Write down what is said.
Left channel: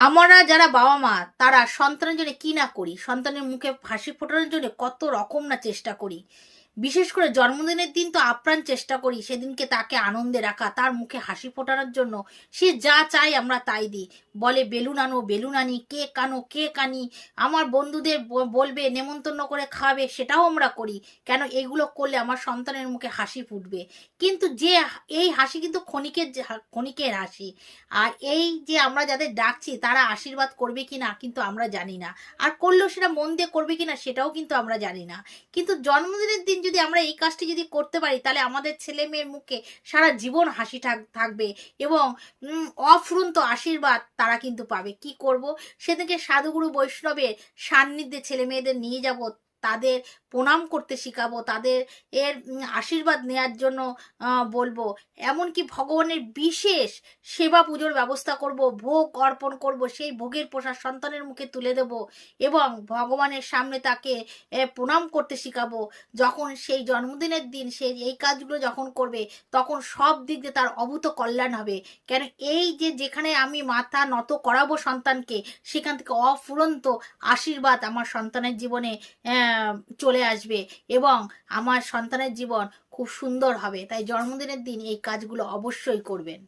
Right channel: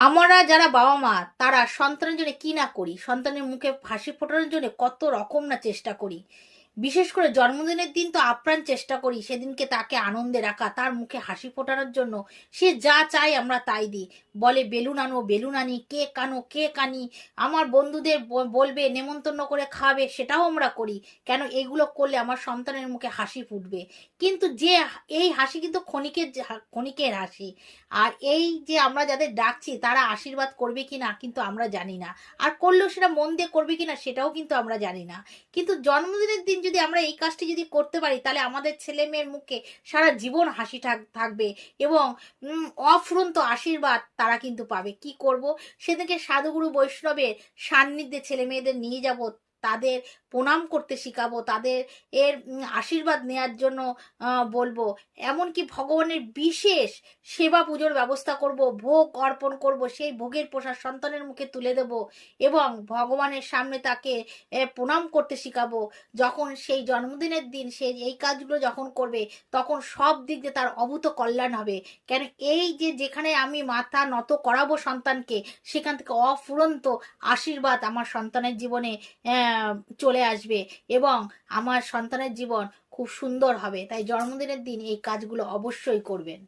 আমরা যারা বাবা মা তারা সন্তানের জন্য কি না করি, সন্তানের মুখে হাসি ফোটানোর জন্য কত রকম না চেষ্টা করি। বিশেষ করে জন্মদিনের দিন তো আপ্রাণ চেষ্টা করি সেদিনকে তাকে আনন্দে রাখা, তার মুখে হাসি ফোটানোর জন্য সে যা চাই আমরা তাই দিই। বলে বেলুন আনো, বেলুন আনি, কেক আনো, কেক আনি, আমার বন্ধুদের বলবে নেমন্তন্ন করে খাওয়াবে, সেটাও আমরা করি। কেন এগুলো করলে আমার সন্তানের মুখে হাসি ফুটবে। কিন্তু যে এই হাসি কিন্তু ক্ষণিকের হাসি। আর এই যে আমরা যাদের ডাকছি তারা আশীর্বাদ করবে কিনা কিন্তু আমরা জানি না, আর করলেও সেটা মন দিয়ে করবে কিনা সেটাও কিন্তু আমরা জানি না। কিন্তু জন্মদিনের দিন যদি আমরা এই কাজটি যদি করতে পারি তাহলে আমাদের ছেলে মেয়ের মুখে সারা জীবন হাসি থাকবে, এবং অফুরন্ত আশীর্বাদ তারা কিন্তু পাবে। কি করব, সেদিকে সাধুগুরু বৈষ্ণবের সান্নিধ্যে ছেলে মেয়েদের নিয়ে যাব, তাদের প্রণাম করতে শিখাবো, তাদের এর আশীর্বাদ নেয়ার জন্য বলবো। এমনকি ভগবানের বিশেষ সেবা পুজোর ব্যবস্থা করব, ভোগ অর্পণ করব, সেই ভোগের প্রসাদ সন্তানের মুখে তুলে দেব, এবং ভগবানের সামনে তাকে প্রণাম করতে শিখাবো। যখন সেই জন্মদিনের দিন সে এই কাজগুলো যখন করবে তখন সব দিক দিয়ে তার অভূত কল্যাণ হবে। কেন এই যে যেখানে আমি মাথা নত করাবো সন্তানকে, সেখান থেকে অফুরন্ত আশীর্বাদ আমার সন্তানের জীবনে চলে আসবে, এবং আমার সন্তানের জীবন খুব সুন্দর হবে। তাই জন্মদিনের দিন এই কাজগুলো অবশ্যই করবেন।